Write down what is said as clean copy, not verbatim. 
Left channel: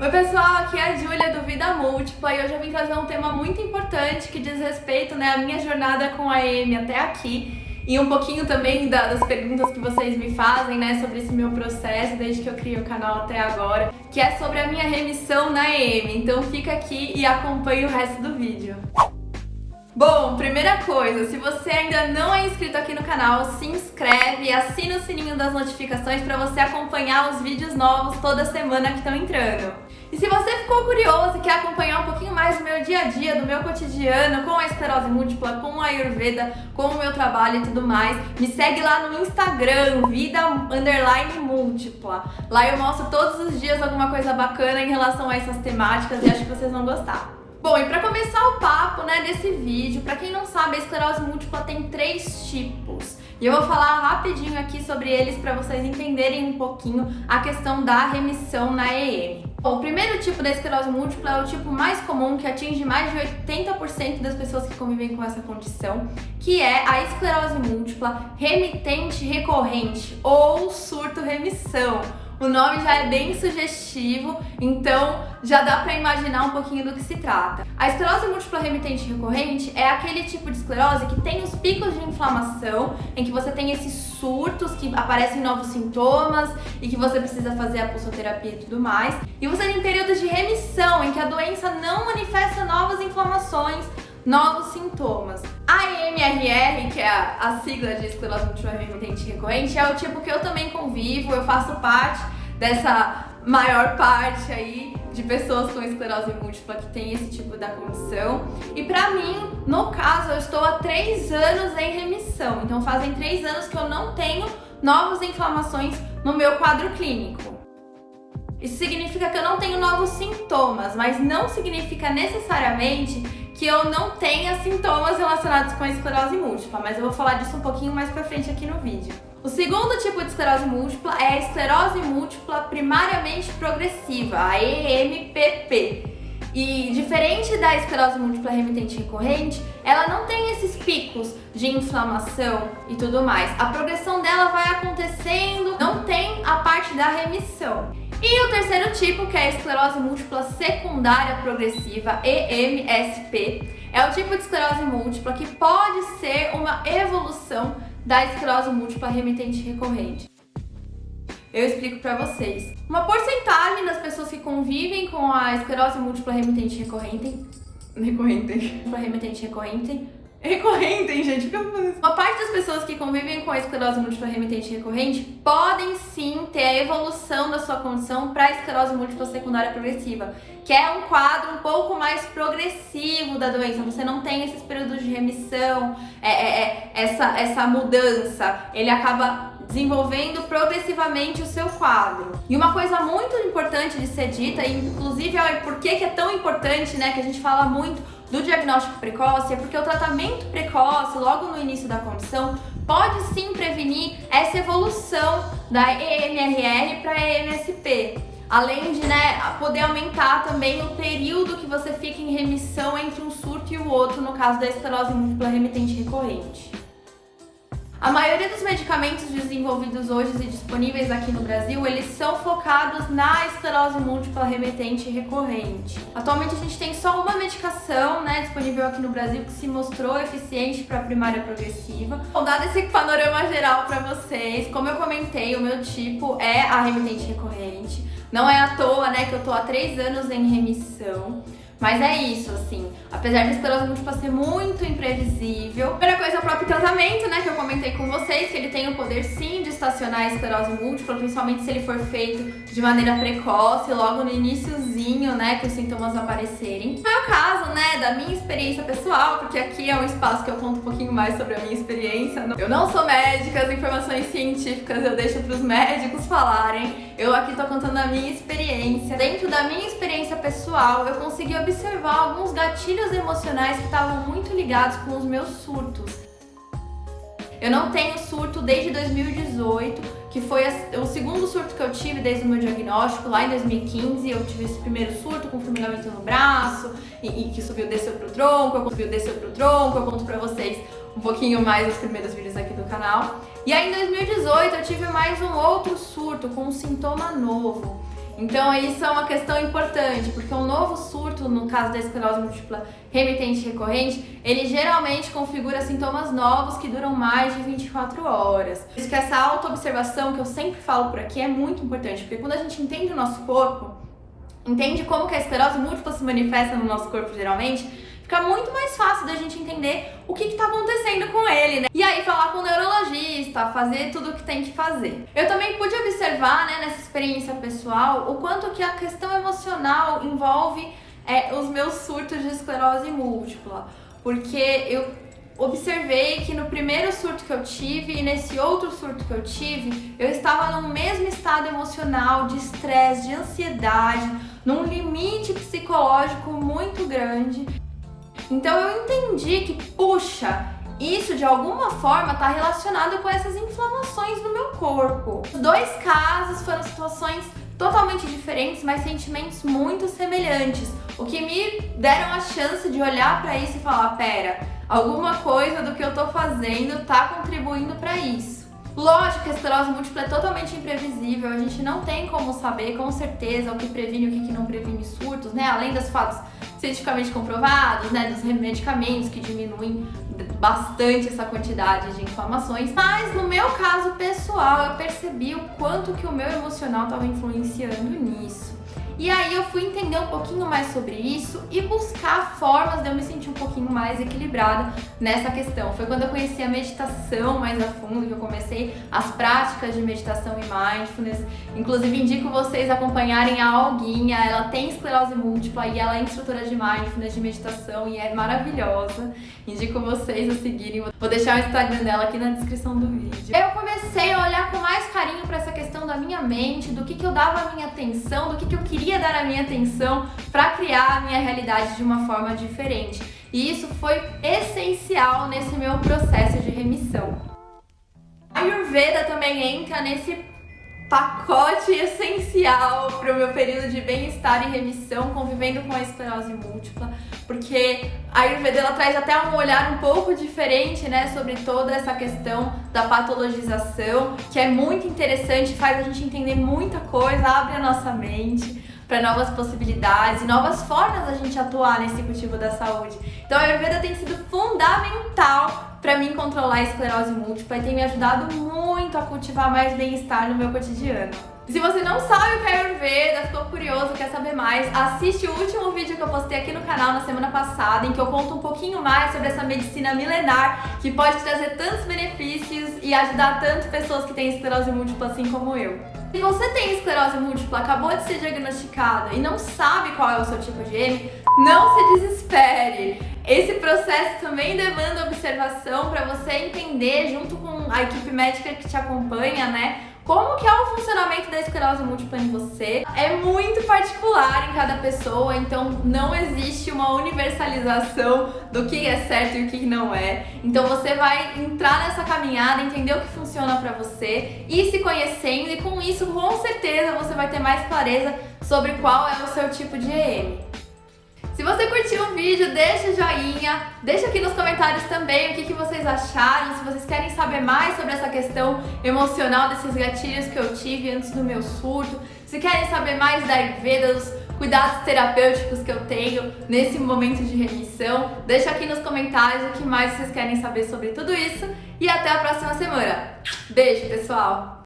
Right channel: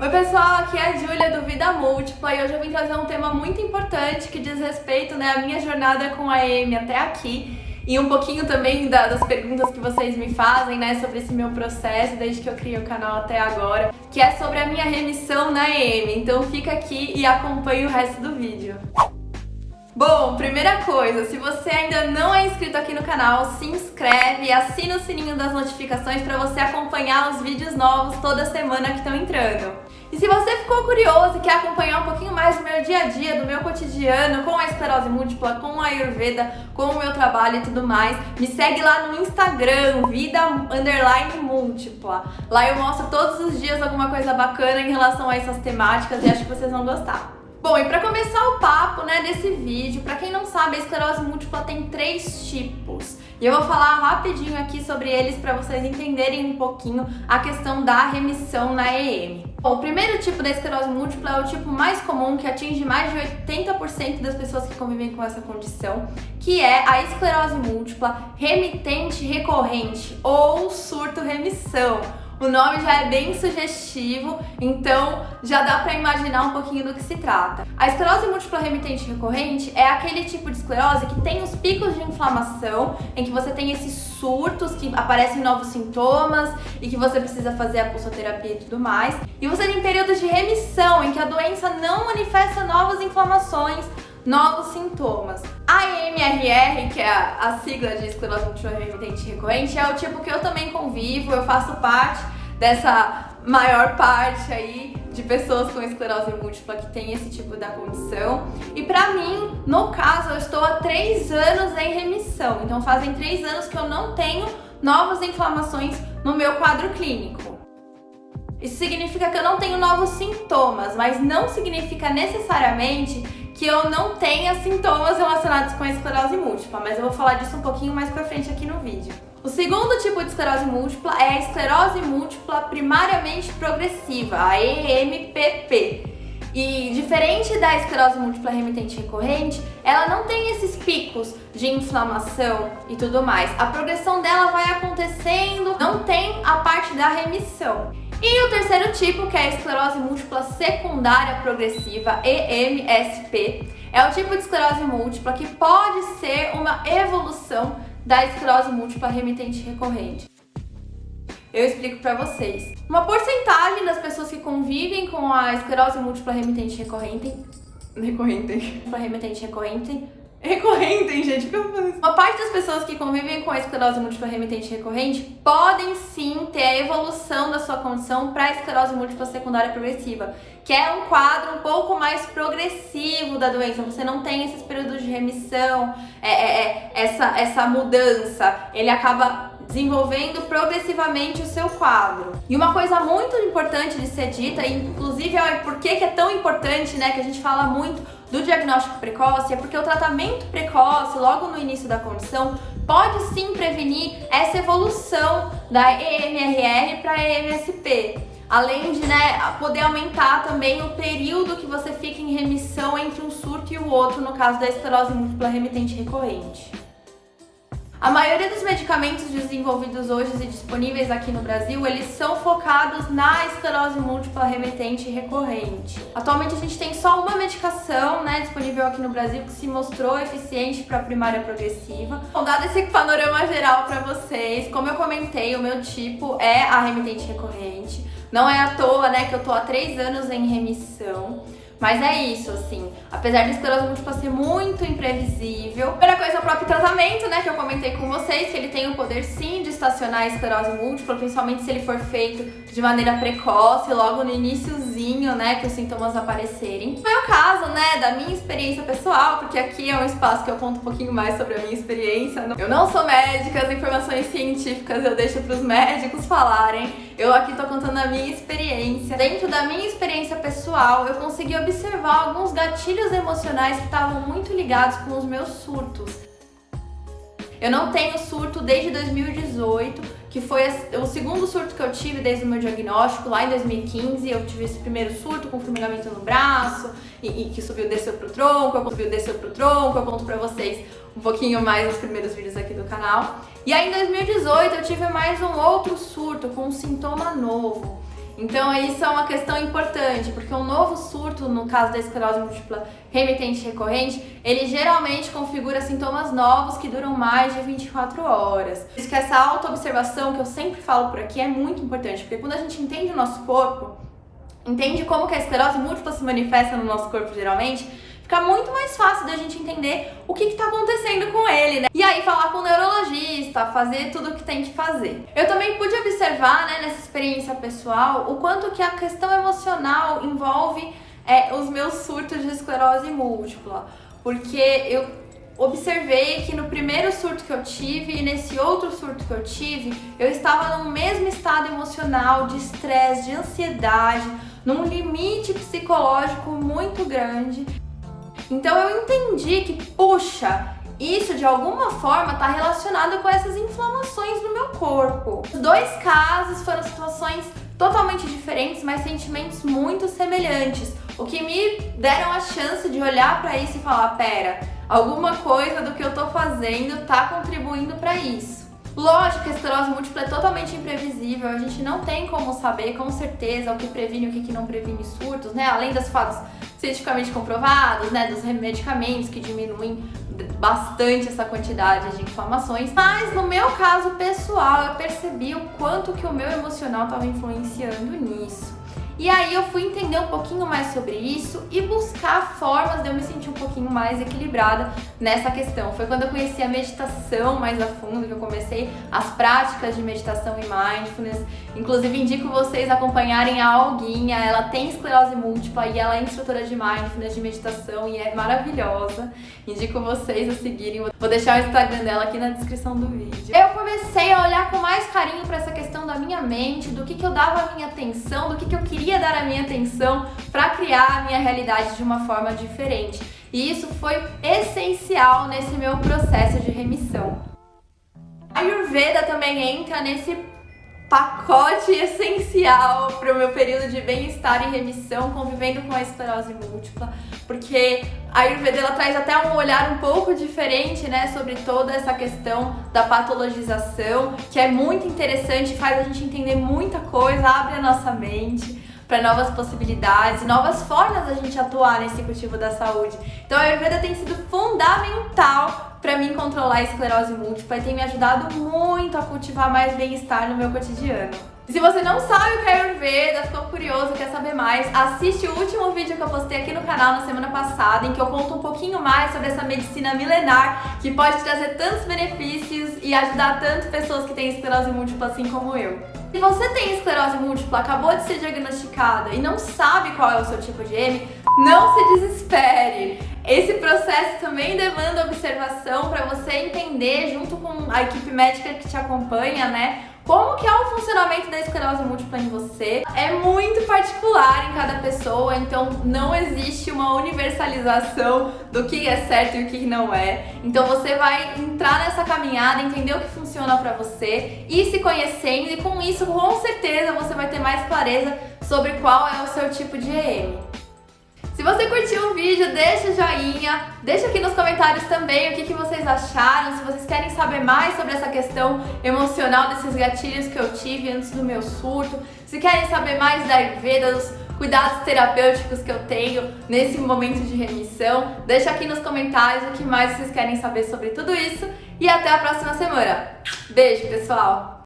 Oi pessoal, aqui é a Júlia do Vida Múltipla e hoje eu vim trazer um tema muito importante que diz respeito à minha jornada com a EM até aqui e um pouquinho também das perguntas que vocês me fazem, sobre esse meu processo desde que eu criei o canal até agora, que é sobre a minha remissão na EM. Então fica aqui e acompanhe o resto do vídeo. Bom, primeira coisa, se você ainda não é inscrito aqui no canal, se inscreve e assina o sininho das notificações para você acompanhar os vídeos novos toda semana que estão entrando. E se você ficou curioso e quer acompanhar um pouquinho mais do meu dia a dia, do meu cotidiano, com a esclerose múltipla, com a Ayurveda, com o meu trabalho e tudo mais, me segue lá no Instagram, vida_múltipla. Lá eu mostro todos os dias alguma coisa bacana em relação a essas temáticas e acho que vocês vão gostar. Bom, e para começar o papo, desse vídeo, para quem não sabe, a esclerose múltipla tem 3 tipos. E eu vou falar rapidinho aqui sobre eles para vocês entenderem um pouquinho a questão da remissão na EM. Bom, o primeiro tipo da esclerose múltipla é o tipo mais comum, que atinge mais de 80% das pessoas que convivem com essa condição, que é a esclerose múltipla remitente recorrente ou surto-remissão. O nome já é bem sugestivo, então já dá para imaginar um pouquinho do que se trata. A esclerose múltipla remitente recorrente é aquele tipo de esclerose que tem os picos de inflamação, em que você tem esses surtos que aparecem novos sintomas e que você precisa fazer a pulsoterapia e tudo mais. E você tem períodos de remissão, em que a doença não manifesta novas inflamações, novos sintomas. A EMRR, que é a sigla de esclerose múltipla remitente recorrente, é o tipo que eu também convivo, eu faço parte dessa maior parte aí de pessoas com esclerose múltipla que tem esse tipo da condição. E pra mim, no caso, eu estou há 3 anos em remissão, então fazem 3 anos que eu não tenho novas inflamações no meu quadro clínico. Isso significa que eu não tenho novos sintomas, mas não significa necessariamente que eu não tenha sintomas relacionados com a esclerose múltipla, mas eu vou falar disso um pouquinho mais pra frente aqui no vídeo. O segundo tipo de esclerose múltipla é a esclerose múltipla primariamente progressiva, a EMPP. E diferente da esclerose múltipla remitente recorrente, ela não tem esses picos de inflamação e tudo mais. A progressão dela vai acontecendo, não tem a parte da remissão. E o terceiro tipo, que é a esclerose múltipla secundária progressiva, EMSP, é o tipo de esclerose múltipla que pode ser uma evolução da esclerose múltipla remitente recorrente. Eu explico pra vocês. Uma porcentagem das pessoas que convivem com a esclerose múltipla remitente recorrente, gente, o que eu vou fazer? Uma parte das pessoas que convivem com a esclerose múltipla remitente recorrente podem sim ter a evolução da sua condição para a esclerose múltipla secundária progressiva, que é um quadro um pouco mais progressivo da doença. Você não tem esses períodos de remissão, essa mudança. Ele acaba desenvolvendo progressivamente o seu quadro. E uma coisa muito importante de ser dita, e inclusive por que é tão importante, que a gente fala muito do diagnóstico precoce, é porque o tratamento precoce, logo no início da condição, pode sim prevenir essa evolução da EMRR para EMSP. Além de poder aumentar também o período que você fica em remissão entre um surto e o outro, no caso da esclerose múltipla remitente recorrente. A maioria dos medicamentos desenvolvidos hoje e disponíveis aqui no Brasil, eles são focados na esclerose múltipla remitente recorrente. Atualmente a gente tem só uma medicação disponível aqui no Brasil que se mostrou eficiente para a primária progressiva. Bom, dado esse panorama geral para vocês, como eu comentei, o meu tipo é a remitente recorrente. Não é à toa que eu tô há 3 anos em remissão. Mas é isso, assim, apesar da esclerose múltipla ser muito imprevisível. Primeira coisa é o próprio tratamento, que eu comentei com vocês, que ele tem o poder sim de estacionar a esclerose múltipla, principalmente se ele for feito de maneira precoce, logo no iniciozinho, que os sintomas aparecerem. No meu caso, da minha experiência pessoal, porque aqui é um espaço que eu conto um pouquinho mais sobre a minha experiência. Eu não sou médica, as informações científicas eu deixo para os médicos falarem. Eu aqui tô contando a minha experiência. Dentro da minha experiência pessoal, eu consegui observar alguns gatilhos emocionais que estavam muito ligados com os meus surtos. Eu não tenho surto desde 2018, que foi o segundo surto que eu tive desde o meu diagnóstico. Lá em 2015 eu tive esse primeiro surto com formigamento no braço e que subiu, desceu pro tronco, eu conto pra vocês um pouquinho mais nos primeiros vídeos aqui do canal. E aí em 2018 eu tive mais um outro surto com um sintoma novo. Então isso é uma questão importante, porque um novo surto, no caso da esclerose múltipla remitente recorrente, ele geralmente configura sintomas novos que duram mais de 24 horas. Por isso que essa autoobservação que eu sempre falo por aqui é muito importante, porque quando a gente entende o nosso corpo, entende como que a esclerose múltipla se manifesta no nosso corpo geralmente, fica muito mais fácil da gente entender o que está acontecendo com ele, né? E aí falar com o neurologista, fazer tudo o que tem que fazer. Eu também pude observar, né, nessa experiência pessoal, o quanto que a questão emocional envolve os meus surtos de esclerose múltipla. Porque eu observei que no primeiro surto que eu tive e nesse outro surto que eu tive, eu estava no mesmo estado emocional de estresse, de ansiedade, num limite psicológico muito grande. Então eu entendi que, puxa, isso de alguma forma está relacionado com essas inflamações no meu corpo. Os dois casos foram situações totalmente diferentes, mas sentimentos muito semelhantes, o que me deram a chance de olhar para isso e falar, pera, alguma coisa do que eu tô fazendo tá contribuindo para isso. Lógico que a esclerose múltipla é totalmente imprevisível, a gente não tem como saber com certeza o que previne e o que não previne surtos, né? Além dos fatos cientificamente comprovados, né, dos medicamentos que diminuem bastante essa quantidade de inflamações. Mas no meu caso pessoal, eu percebi o quanto que o meu emocional estava influenciando nisso. E aí eu fui entender um pouquinho mais sobre isso e buscar formas de eu me sentir um pouquinho mais equilibrada nessa questão. Foi quando eu conheci a meditação mais a fundo, que eu comecei as práticas de meditação e mindfulness. Inclusive indico vocês acompanharem a Olguinha, ela tem esclerose múltipla e ela é instrutora de mindfulness, de meditação e é maravilhosa. Indico vocês a seguirem, vou deixar o Instagram dela aqui na descrição do vídeo. Eu comecei a olhar com mais carinho para essa questão da minha mente, do que eu dava a minha atenção, do que eu queria dar a minha atenção para criar a minha realidade de uma forma diferente. E isso foi essencial nesse meu processo de remissão. A Ayurveda também entra nesse pacote essencial para o meu período de bem-estar e remissão, convivendo com a esclerose múltipla, porque a Ayurveda ela traz até um olhar um pouco diferente, né, sobre toda essa questão da patologização, que é muito interessante, faz a gente entender muita coisa, abre a nossa mente para novas possibilidades e novas formas da gente atuar nesse cultivo da saúde. Então a Ayurveda tem sido fundamental para mim controlar a esclerose múltipla e tem me ajudado muito a cultivar mais bem-estar no meu cotidiano. Se você não sabe o que é Ayurveda, ficou curioso, quer saber mais, assiste o último vídeo que eu postei aqui no canal na semana passada, em que eu conto um pouquinho mais sobre essa medicina milenar que pode trazer tantos benefícios e ajudar tanto pessoas que têm esclerose múltipla assim como eu. Se você tem esclerose múltipla, acabou de ser diagnosticada e não sabe qual é o seu tipo de M, não se desespere. Esse processo também demanda observação para você entender, junto com a equipe médica que te acompanha, né, como que é o funcionamento da esclerose múltipla em você. É muito particular em cada pessoa, então não existe uma universalização do que é certo e o que não é. Então você vai entrar nessa caminhada, entender o que funciona pra você, ir se conhecendo e com isso, com certeza, você vai ter mais clareza sobre qual é o seu tipo de EM. Se você curtiu o vídeo, deixa o joinha, deixa aqui nos comentários também o que vocês acharam, se vocês querem saber mais sobre essa questão emocional desses gatilhos que eu tive antes do meu surto, se querem saber mais da Ayurveda, dos cuidados terapêuticos que eu tenho nesse momento de remissão, deixa aqui nos comentários o que mais vocês querem saber sobre tudo isso e até a próxima semana. Beijo, pessoal!